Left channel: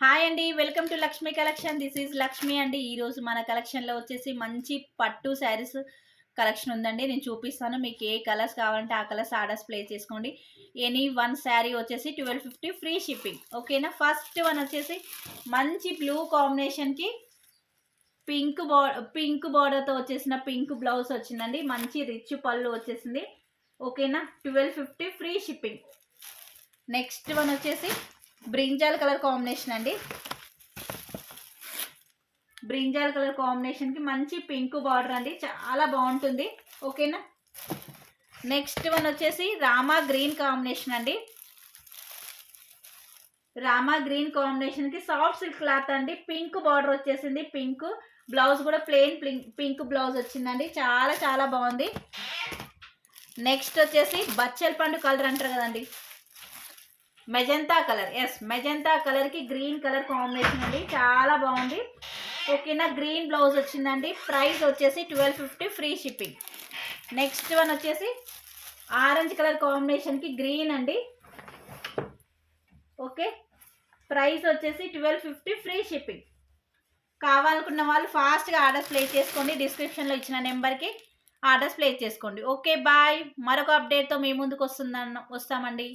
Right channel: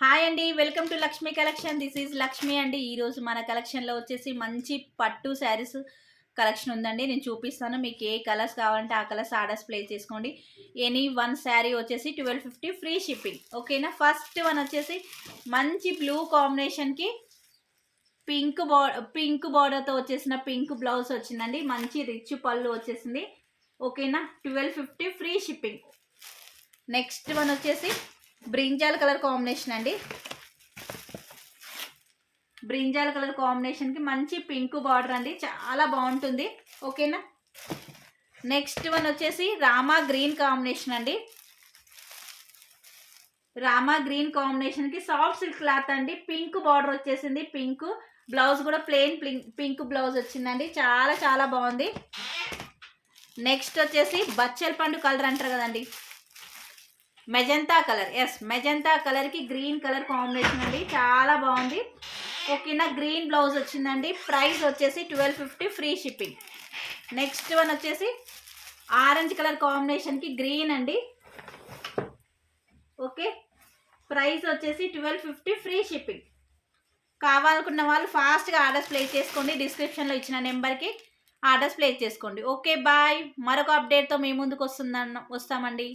Hi అండి, welcome to Lakshmi collection. This is Lakshmi అండి. ఈరోజు మన కలెక్షన్లో వచ్చేసి మంచి పట్టు శారీస్ కలెక్షన్ ఉందండి. నేను చూపిస్తాను. మీకు ఏ కలర్స్ కావాలంటే ఆ కలర్స్ ఆర్డర్స్ ప్లేస్ చేసుకోండి. ఎనీ వన్ శారీ వచ్చేసి 1250 ఫ్రీ షిప్పింగ్. ఓకేనా. ఫస్ట్ వన్ వచ్చేసి మంచి బ్లూ కాంబినేషన్కి పింక్ బార్డర్తో వచ్చేసిన పింక్ బ్లౌజ్ వచ్చిందండి. మంచి రిచ్ పళ్ళు వచ్చేసింది. ఓకేనా. 1250 ఫ్రీ షిప్పింగ్. నెక్స్ట్ వన్ వచ్చేసి బ్రింజాల్ కలర్ కాంబినేషన్ అండి. బ్రింజాల్ కలర్ కాంబినేషన్కి మంచి పింక్ బార్డర్ అండి, చాలా బాగుంటుంది. ఓకేనా. నెక్స్ట్ వన్ వచ్చేసి రామా గ్రీన్ కాంబినేషన్ అండి. రామా గ్రీన్ కాంబినేషన్కి సాఫ్ట్ సిల్క్ క్లాత్ అండి. పింక్ బార్డర్ వచ్చేసింది. పింక్ బ్లౌజ్ కూడా ప్లెయిన్ పింక్ బ్లౌజ్ వచ్చిందండి. చాలా చాలా బాగుంది. నెక్స్ట్ వచ్చేసి బచ్చల్ పండు కలర్ అంటారు కదండి, మెజంతా కలర్. ఎస్, మెజంతా కలర్కి గ్రీన్ కలర్ కాంబినేషన్ అండి, చాలా బాగుంది. ఓకేనా. గ్రీన్ బ్లౌజ్ వచ్చిందండి. ప్రైస్ వచ్చేసి 1250 ఫ్రీ షిప్పింగ్. నెక్స్ట్ వన్ వచ్చేసి ఆరెంజ్ కలర్ కాంబినేషన్కి గ్రీన్ అండి. ఓకే. ప్రైస్ వచ్చేసి 1250 ఫ్రీ షిప్పింగ్. కావాలనుకున్న వాళ్ళు ఫాస్ట్గా ఆర్డర్స్ ప్లేస్ చేసుకోండి. డిస్క్రిప్షన్లో ఇచ్చిన నెంబర్కి ఆర్డర్స్ ప్లేస్ చేసుకోండి. Okay bye. మరొక అప్డేట్తో మీ ముందుకు వస్తామండి.